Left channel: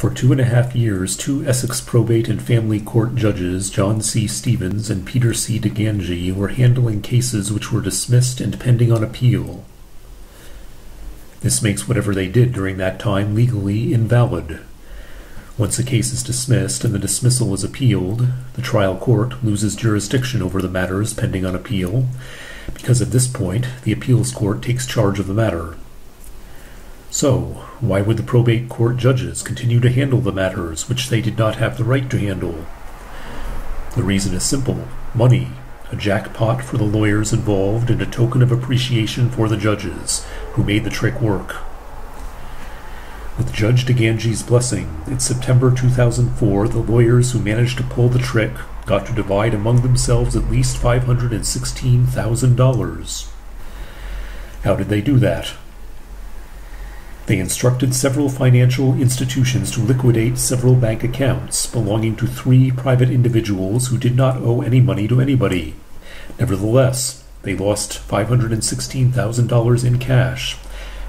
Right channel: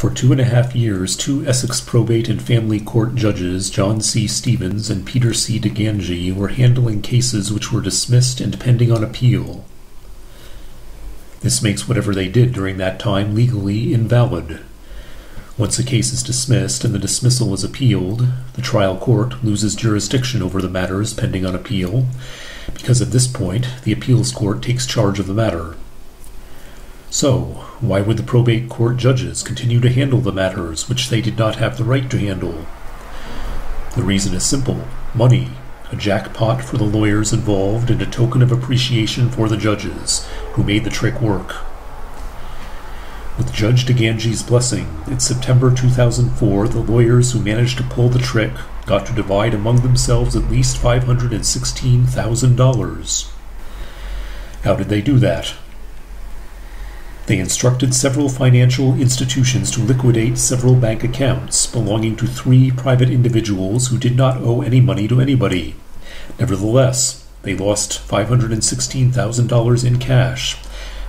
For 2.5 years, two Essex Probate and Family Court judges, John C. Stevens and Peter C. DeGangi, were handling cases which were dismissed and pending on appeal. This makes whatever they did during that time legally invalid. Once a case is dismissed and the dismissal is appealed, the trial court loses jurisdiction over the matters pending on appeal, because at this point the appeals court takes charge of the matter. So, why would the probate court judges continue to handle the matters which they did not have the right to handle? The reason is simple: money, a jackpot for the lawyers involved and a token of appreciation for the judges, who made the trick work. With Judge DeGangi's blessing, in September 2004, the lawyers who managed to pull the trick got to divide among themselves at least $516,000. How did they do that? They instructed several financial institutions to liquidate several bank accounts belonging to 3 private individuals who did not owe any money to anybody. Nevertheless, they lost $516,000 in cash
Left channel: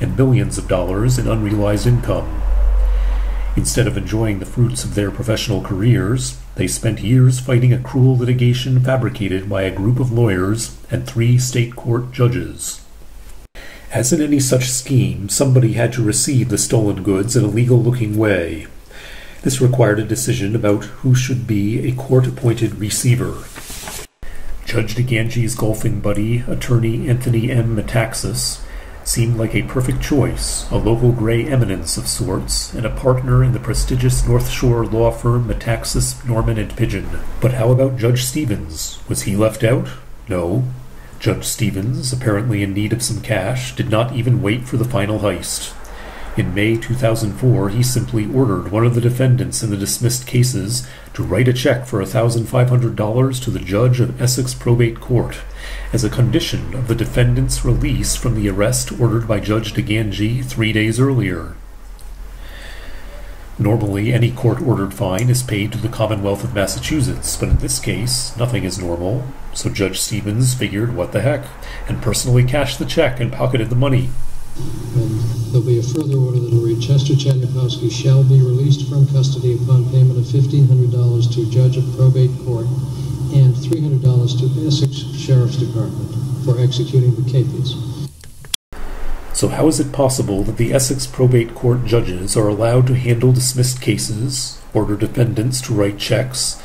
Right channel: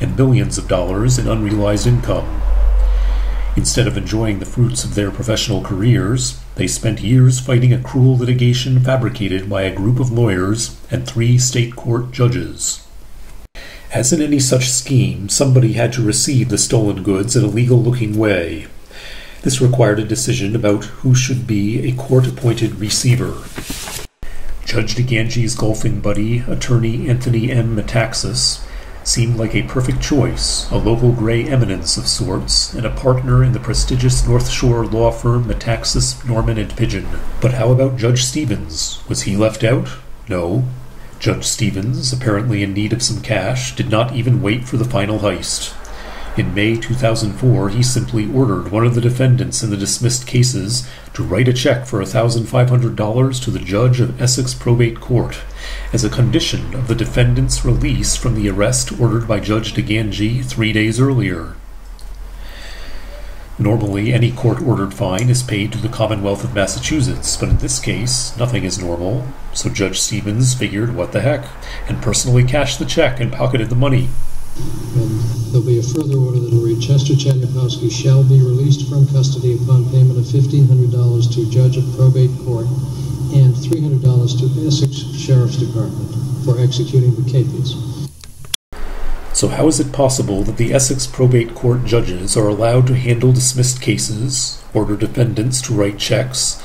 and millions of dollars in unrealized income. Instead of enjoying the fruits of their professional careers, they spent years fighting a cruel litigation fabricated by a group of lawyers and 3 state court judges. As in any such scheme, somebody had to receive the stolen goods in a legal-looking way. This required a decision about who should be a court-appointed receiver. Judge DeGangi's golfing buddy, attorney Anthony M. Metaxas, seemed like a perfect choice, a local gray eminence of sorts, and a partner in the prestigious North Shore law firm Metaxas, Norman & Pigeon. But how about Judge Stevens? Was he left out? No. Judge Stevens, apparently in need of some cash, did not even wait for the final heist. In May 2004, he simply ordered one of the defendants in the dismissed cases to write a check for $1,500 to the judge of Essex Probate Court, as a condition of the defendant's release from the arrest ordered by Judge DeGangi 3 days earlier. Normally, any court-ordered fine is paid to the Commonwealth of Massachusetts, but in this case, nothing is normal, so Judge Stevens figured, what the heck, and personally cashed the check and pocketed the money. And there'll be a further order that will read, Chester Chalupowski shall be released from custody upon payment of $1,500 to Judge of Probate Court and $300 to Essex Sheriff's Department for executing the capias. So how is it possible that the Essex Probate Court judges are allowed to handle dismissed cases, order defendants to write checks,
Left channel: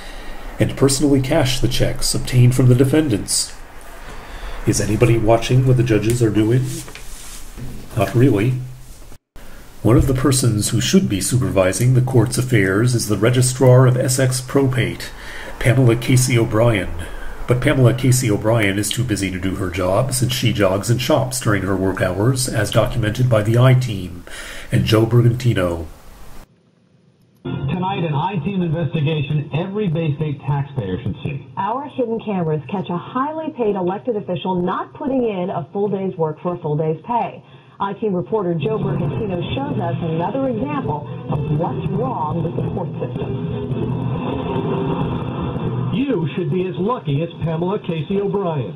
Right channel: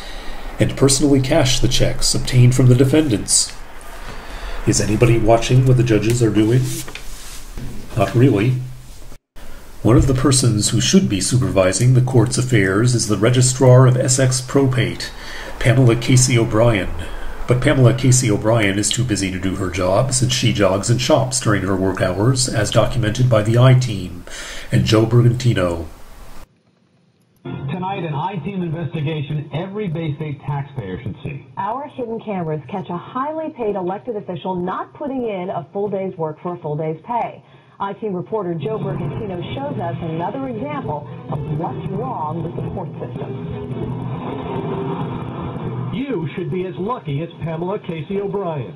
and personally cash the checks obtained from the defendants? Is anybody watching what the judges are doing? Not really. One of the persons who should be supervising the court's affairs is the Registrar of Essex Probate, Pamela Casey O'Brien. But Pamela Casey O'Brien is too busy to do her job, since she jogs and shops during her work hours, as documented by the I-Team and Joe Bergantino. Tonight, an I-Team investigation every Bay State taxpayer should see. Our hidden cameras catch a highly paid elected official not putting in a full day's work for a full day's pay. I-Team reporter Joe Bergantino shows us another example of what's wrong with the court system. You should be as lucky as Pamela Casey O'Brien.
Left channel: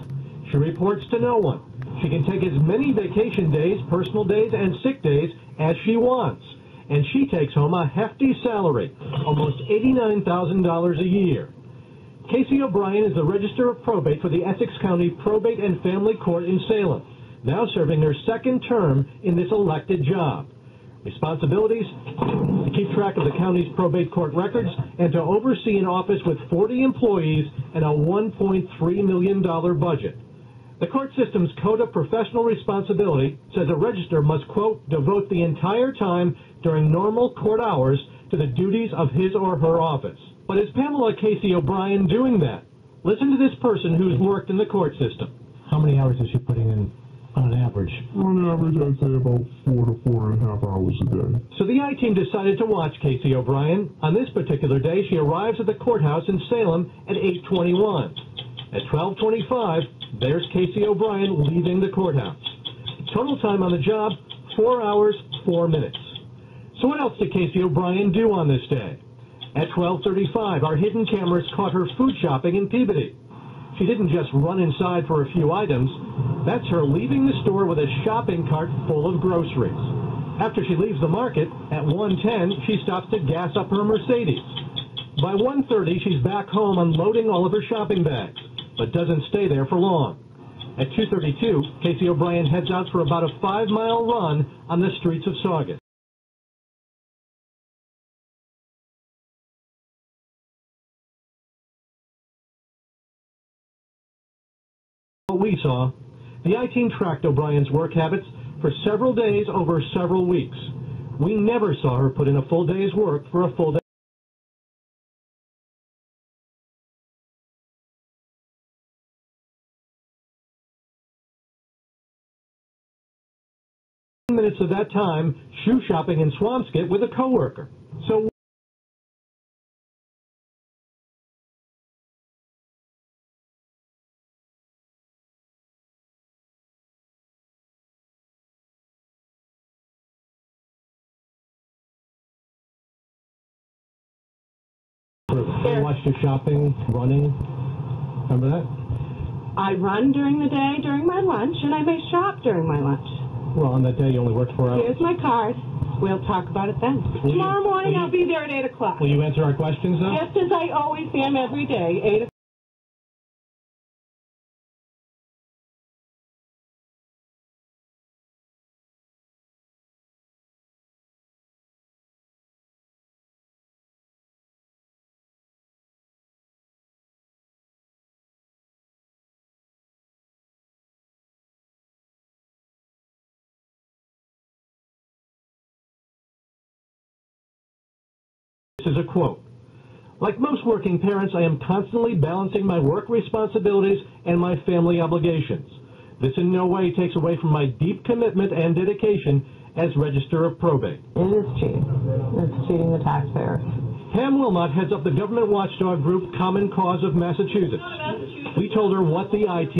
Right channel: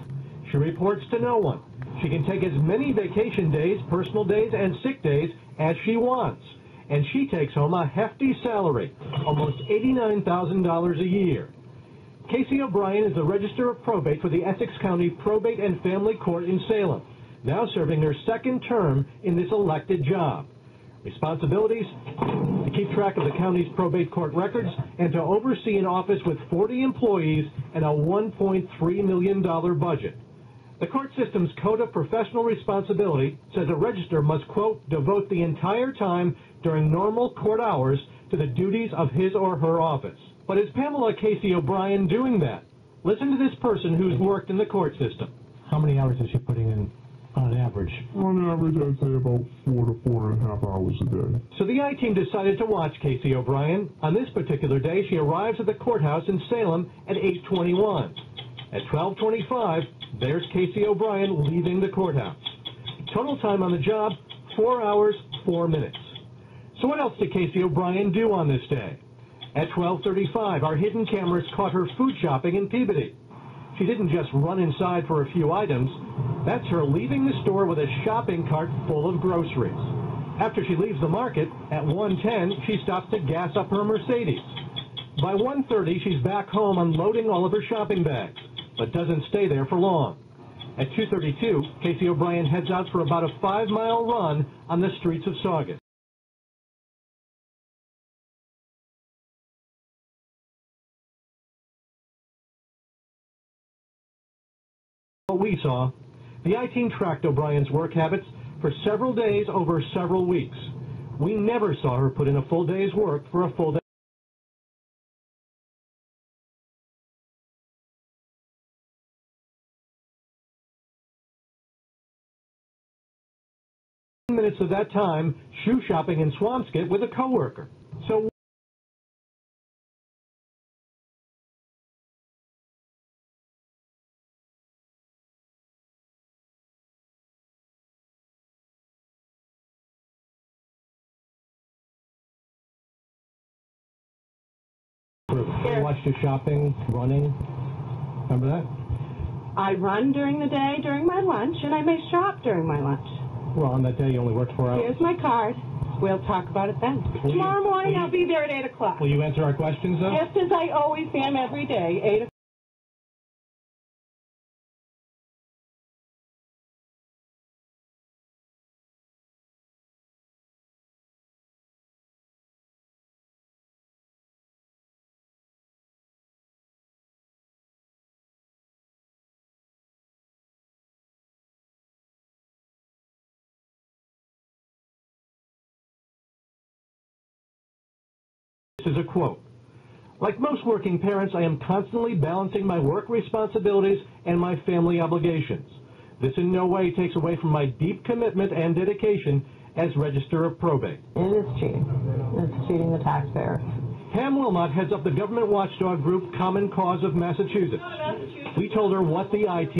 She reports to no one. She can take as many vacation days, personal days, and sick days as she wants. And she takes home a hefty salary, almost $89,000 a year. Casey O'Brien is the Register of Probate for the Essex County Probate and Family Court in Salem, now serving her second term in this elected job. Responsibilities: to keep track of the county's probate court records and to oversee an office with 40 employees and a $1.3 million budget. The court system's Code of Professional Responsibility says a register must, quote, devote the entire time during normal court hours to the duties of his or her office. But is Pamela Casey O'Brien doing that? Listen to this person who's worked in the court system. How many hours is she putting in on average? On average, I'd say about 4 to 4.5 hours a day. So the I-Team decided to watch Casey O'Brien. On this particular day, she arrives at the courthouse in Salem at 8:21. At 12:25, there's Casey O'Brien leaving the courthouse. Total time on the job, 4 hours, 4 minutes. So what else did Casey O'Brien do on this day? At 12:35, our hidden cameras caught her food shopping in Peabody. She didn't just run inside for a few items. That's her leaving the store with a shopping cart full of groceries. After she leaves the market, at 1:10, she stops to gas up her Mercedes. By 1:30, she's back home unloading all of her shopping bags, but doesn't stay there for long. At 2:32, Casey O'Brien heads out for about a 5-mile run on the streets of Saugus. What we saw, the I-Team tracked O'Brien's work habits for several days over several weeks. We never saw her put in a full day's work for a full day. Minutes of that time shoe shopping in Swampscott with a coworker. So you watched her shopping, running. Remember that? I run during the day during my lunch, and I may shop during my lunch. Well, on that day you only worked 4 hours. Here's my card. We'll talk about it then. Tomorrow morning I'll be there at 8 o'clock. Will you answer our questions, though? Just as I always am every day, 8 o'clock. This is a quote. Like most working parents, I am constantly balancing my work responsibilities and my family obligations. This in no way takes away from my deep commitment and dedication as Register of Probate. It is cheating. It's cheating the taxpayers. Pam Wilmot heads up the government watchdog group Common Cause of Massachusetts. We told her what the IT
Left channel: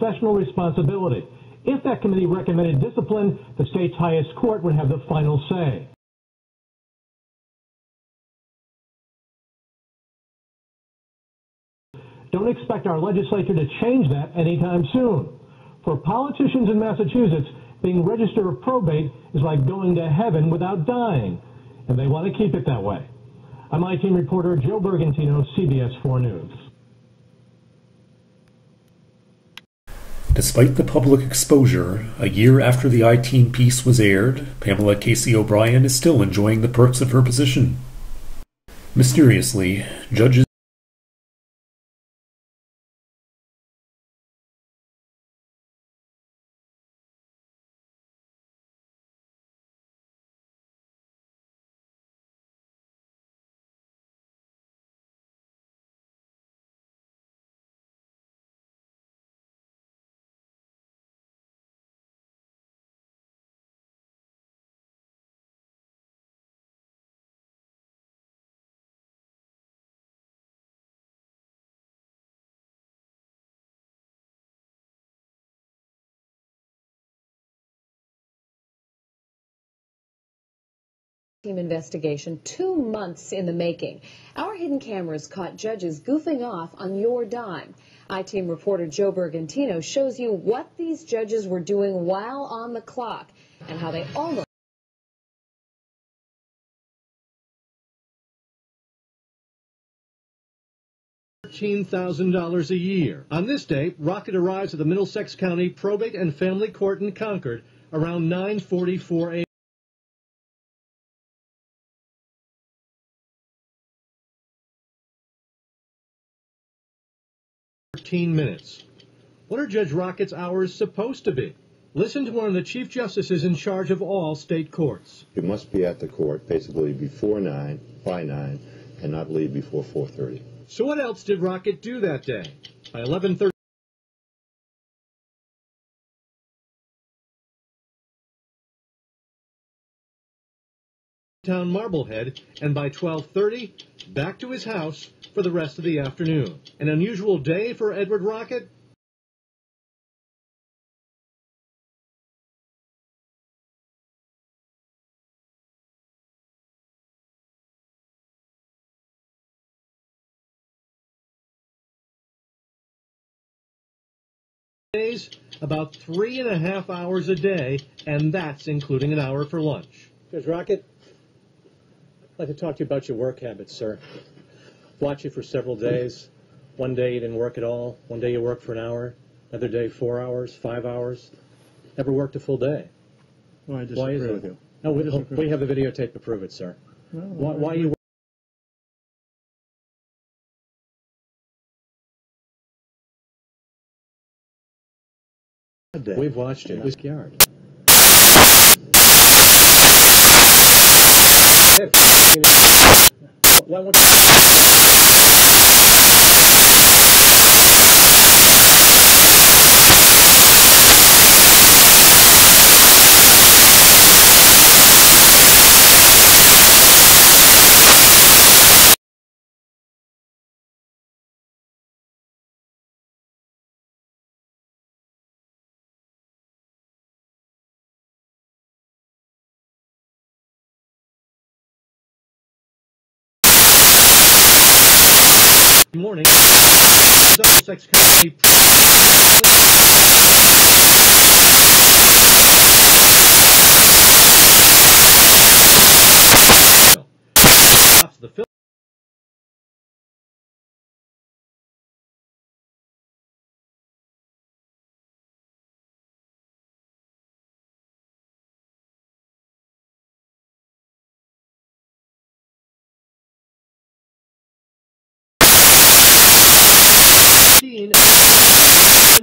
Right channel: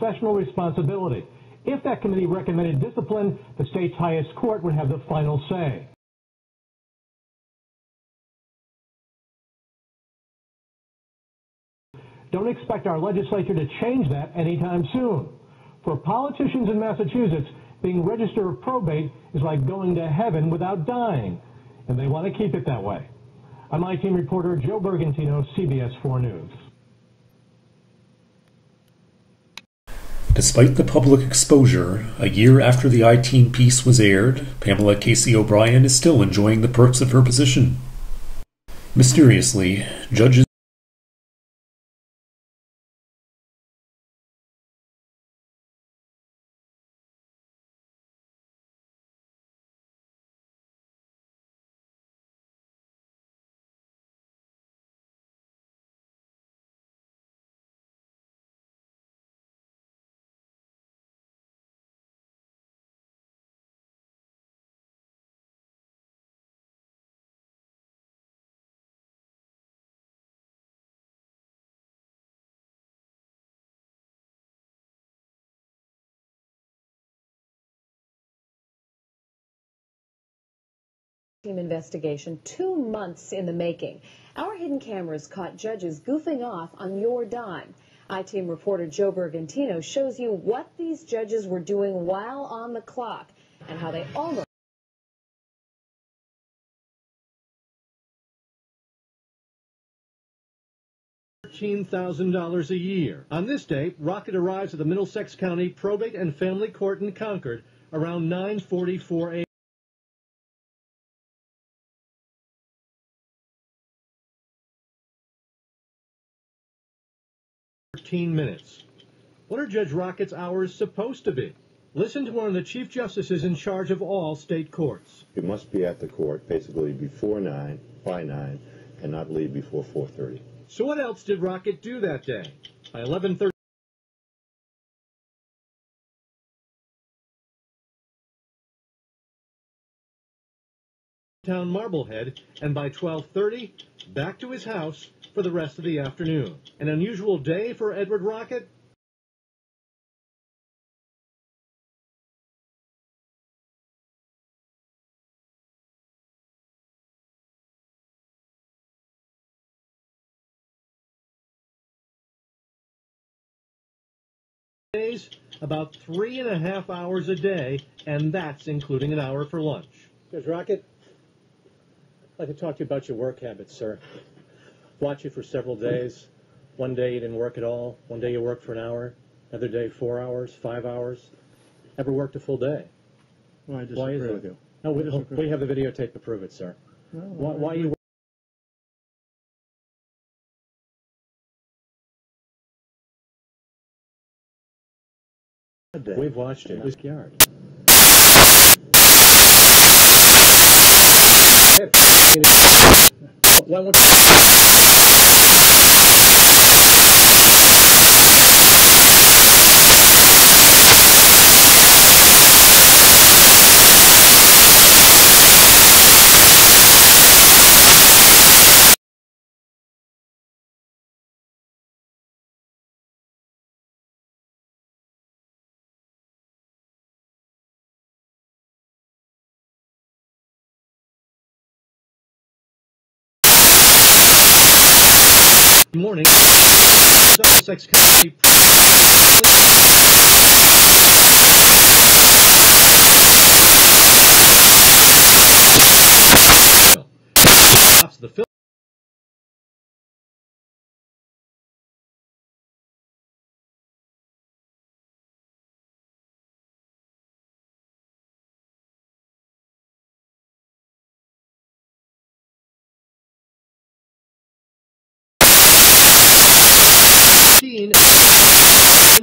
professional responsibility. If that committee recommended discipline, the state's highest court would have the final say. Don't expect our legislature to change that anytime soon. For politicians in Massachusetts, being Register of Probate is like going to heaven without dying, and they want to keep it that way. I'm I-Team reporter Joe Bergantino, CBS 4 News. Despite the public exposure, a year after the I-Team piece was aired, Pamela Casey O'Brien is still enjoying the perks of her position. Mysteriously, judges Team investigation 2 months in the making. Our hidden cameras caught judges goofing off on your dime. I-Team reporter Joe Bergantino shows you what these judges were doing while on the clock and how they almost $13,000 a year. On this day, Rocket arrives at the Middlesex County Probate and Family Court in Concord around 9:44 a.m. 13 minutes. What are Judge Rocket's hours supposed to be? Listen to one of the Chief Justices in charge of all state courts. You must be at the court basically before 9, by 9, and not leave before 4:30. So what else did Rocket do that day? By 11:30, downtown Marblehead, and by 12:30, back to his house for the rest of the afternoon. An unusual day for Edward Rocket? days, about 3.5 hours a day, and that's including an hour for lunch. Judge Rocket, I'd like to talk to you about your work habits, sir. Watch you for several days. One day you didn't work at all. One day you worked for an hour. Another day 4 hours, 5 hours. Never worked a full day. Well, I Why is disagree with that? you. No, we have the videotape to prove it, sir. No, Why you? We've watched you in this yard. Why won't Good morning. Essex County. The film. In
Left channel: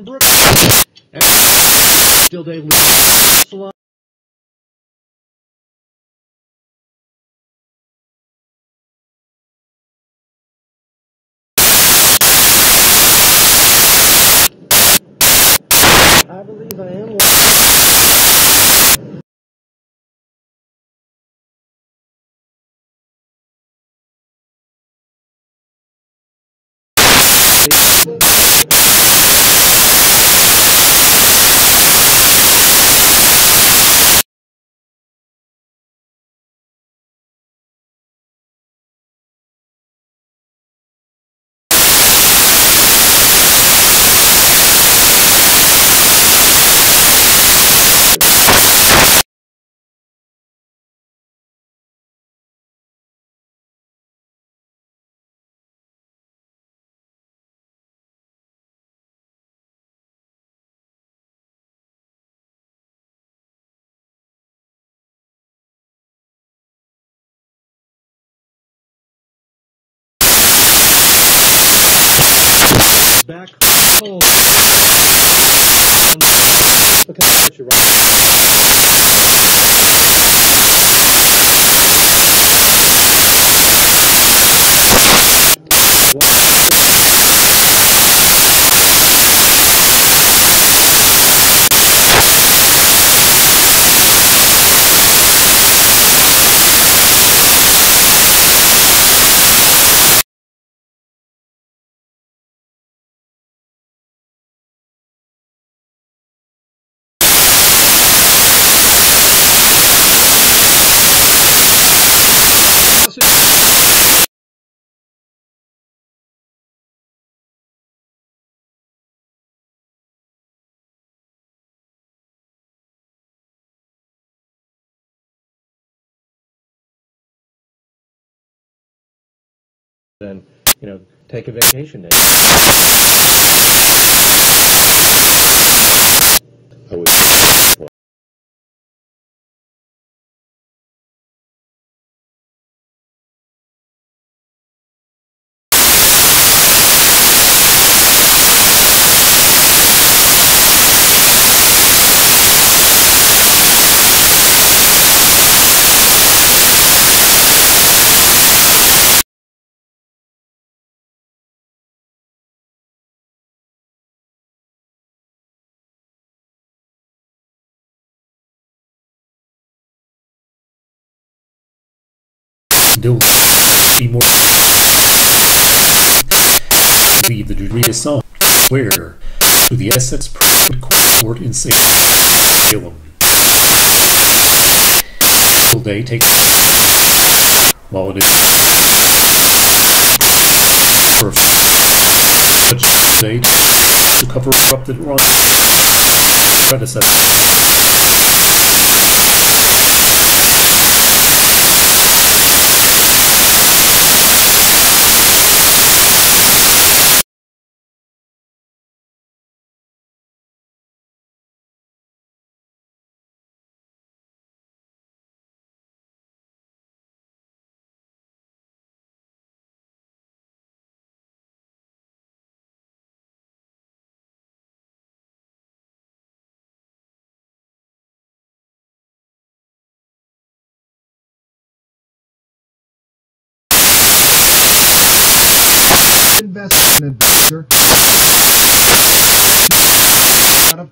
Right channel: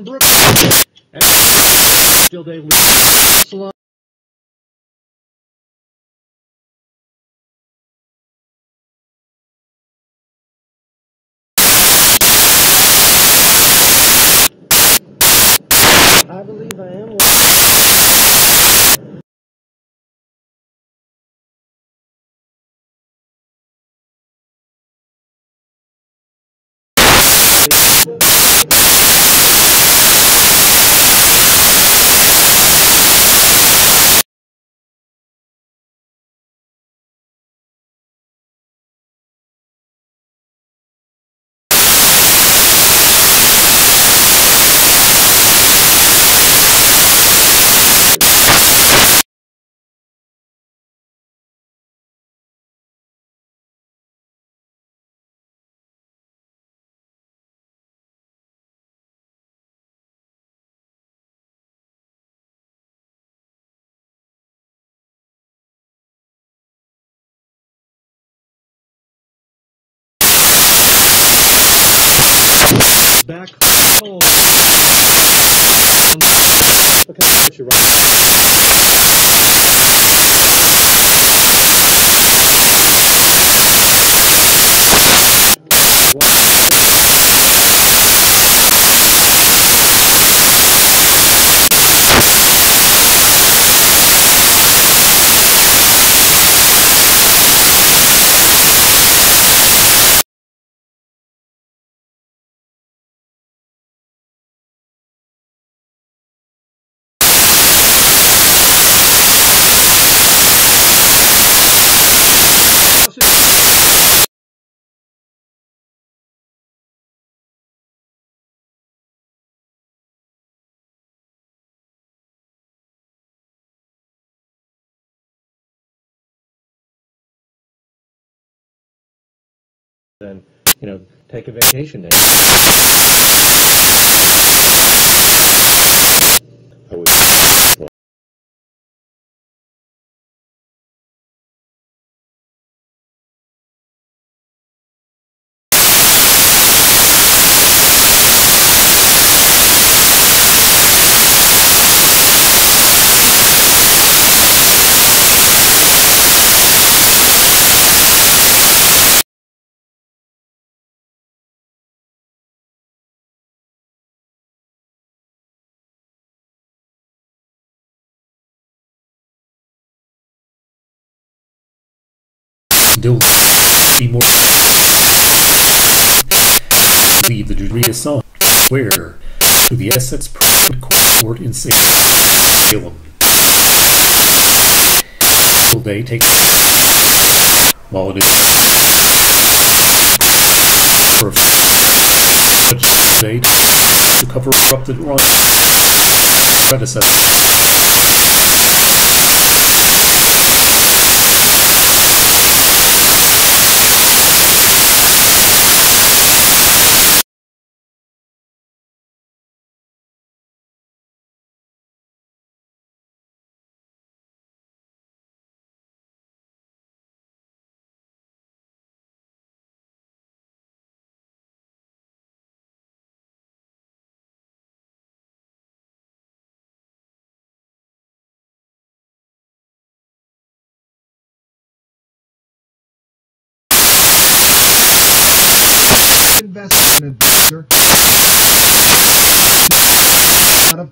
Brooklyn. Still day salon. I believe I am. Back home. Look how much you're then, take a vacation day. I would. Still be more leave the degree assigned where to the Essex Probate Court in Salem. They take while it is for a to cover up the wrong predecessor. Investment advisor out of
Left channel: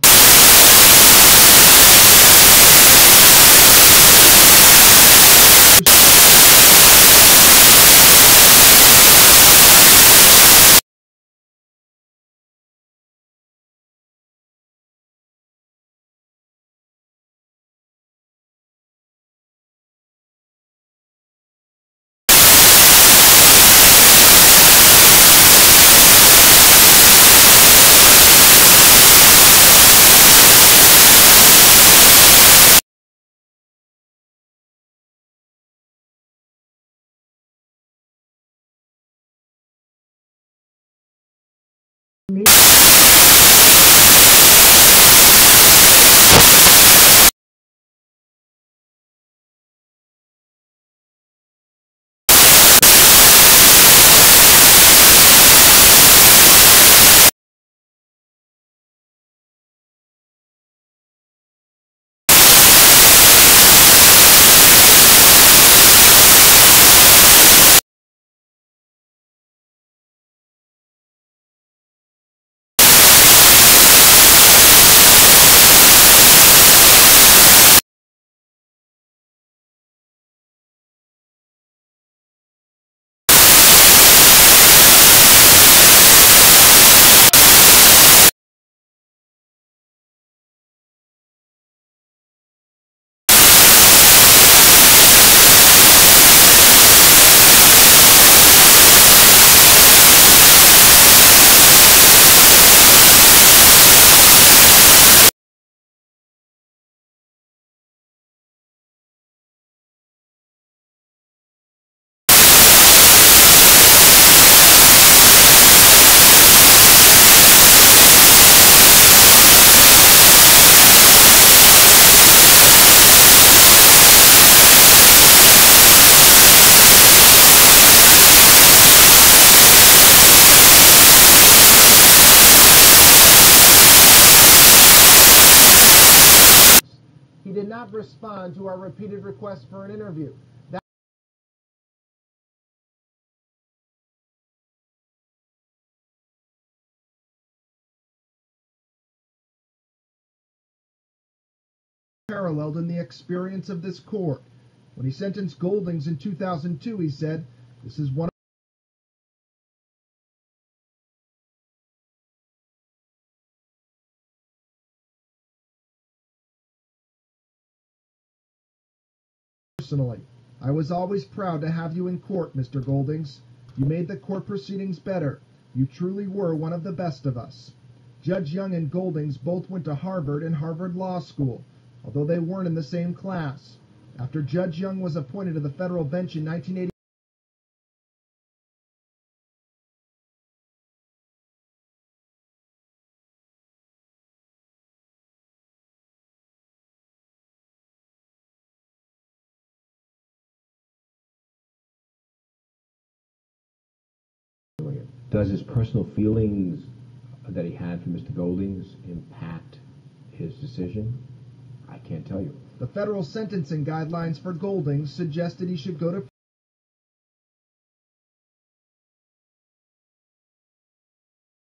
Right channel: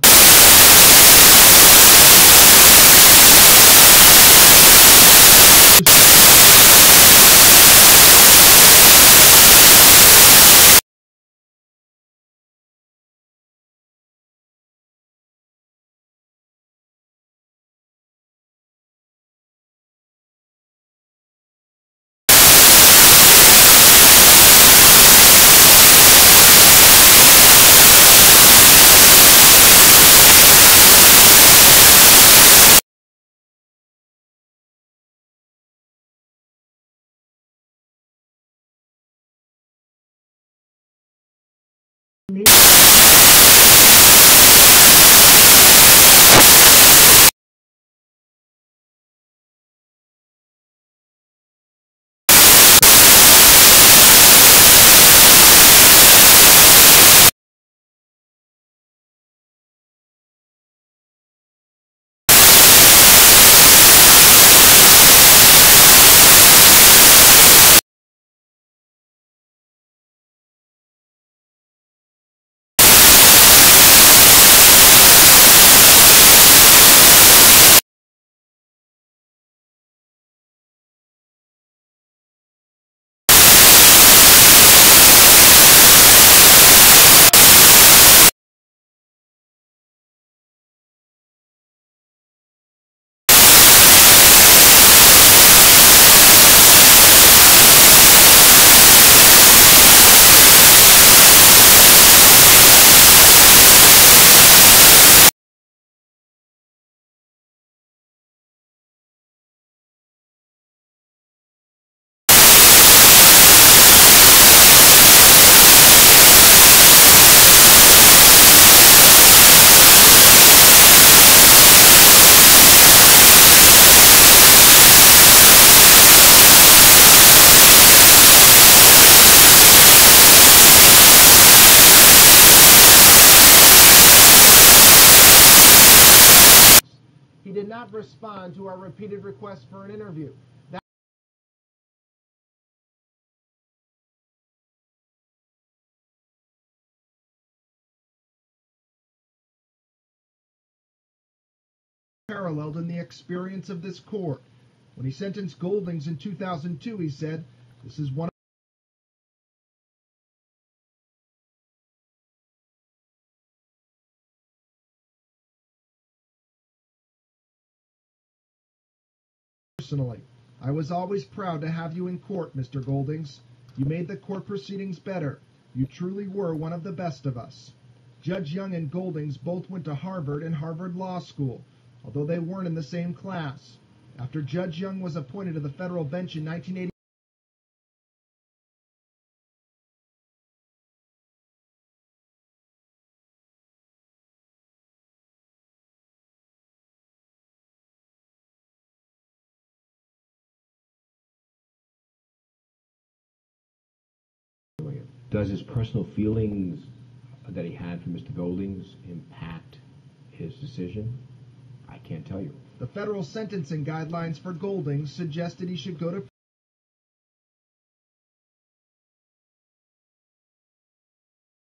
He did not respond to our repeated requests for an interview. Paralleled in the experience of this court. When he sentenced Goldings in 2002, he said, "This is one personally. I was always proud to have you in court, Mr. Goldings. You made the court proceedings better. You truly were one of the best of us." Judge Young and Goldings both went to Harvard and Harvard Law School, although they weren't in the same class. After Judge Young was appointed to the federal bench in 1980, does his personal feelings that he had for Mr. Goldings impact his decision? I can't tell you. the federal sentencing guidelines for Goldings suggested he should go to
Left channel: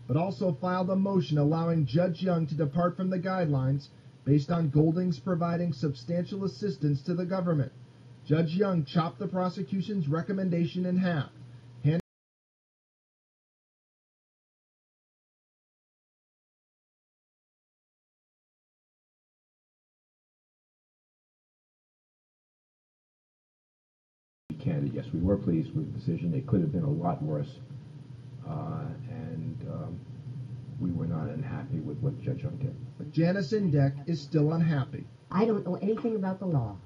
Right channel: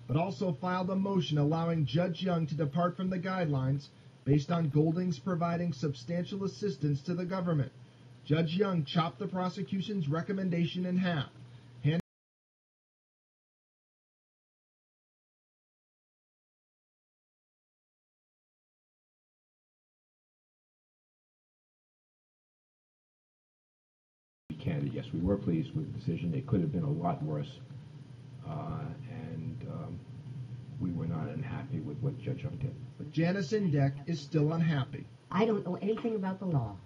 but also filed a motion allowing Judge Young to depart from the guidelines based on Goldings providing substantial assistance to the government. Judge Young chopped the prosecution's recommendation in half. Yes, we were pleased with the decision. It could have been a lot worse, and we were not unhappy. what Judge Young did. But Janice Indeck is still unhappy. I don't know anything about the law,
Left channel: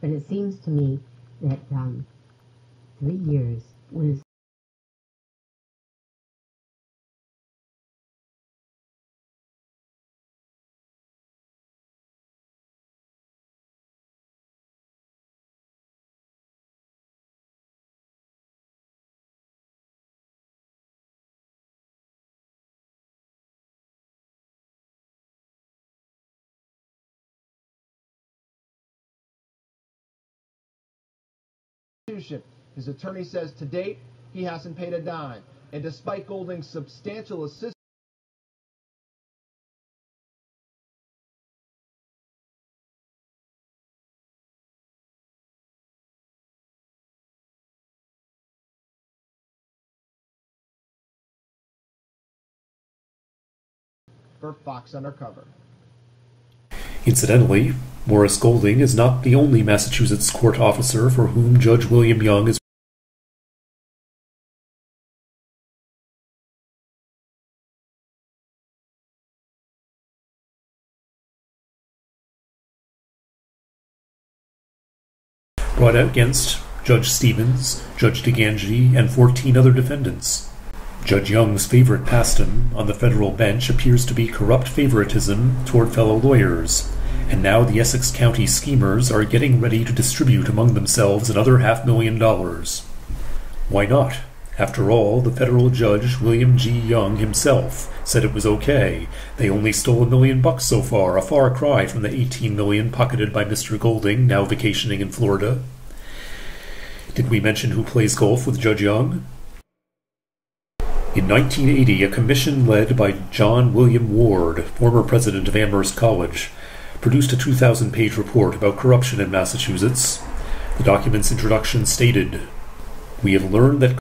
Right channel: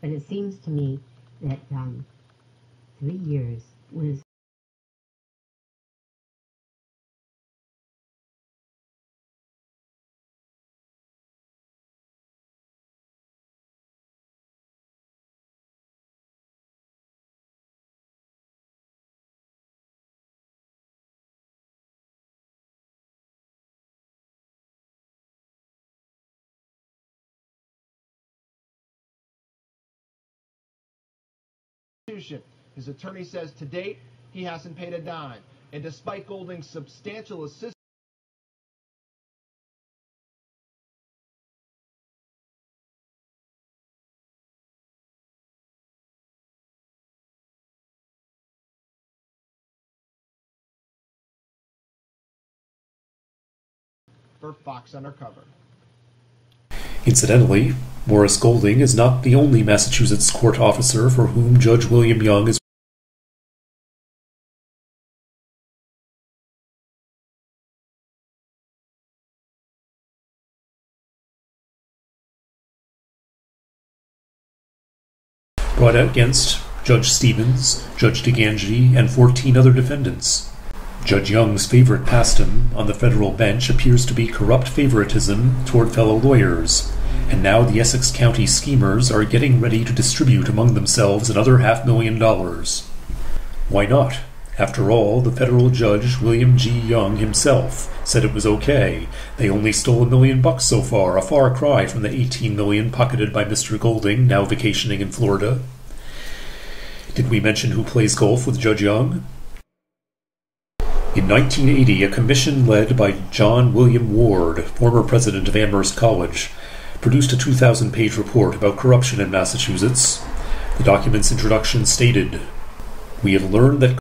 but it seems to me that 3 years was His attorney says to date, he hasn't paid a dime. And despite Golding's substantial assistance for Fox Undercover. Incidentally, Morris Golding is not the only Massachusetts court officer for whom Judge William Young is brought out against Judge Stevens, Judge DeGangi, and 14 other defendants. Judge Young's favorite pastime on the federal bench appears to be corrupt favoritism toward fellow lawyers, and now the Essex County schemers are getting ready to distribute among themselves another $500,000. Why not? After all, the federal judge, William G. Young himself, said it was okay. They only stole $1 million so far, a far cry from the $18 million pocketed by Mr. Golding, now vacationing in Florida. Did we mention who plays golf with Judge Young? In 1980, a commission led by John William Ward, former president of Amherst College, produced a 2,000-page report about corruption in Massachusetts. The document's introduction stated, "We have learned that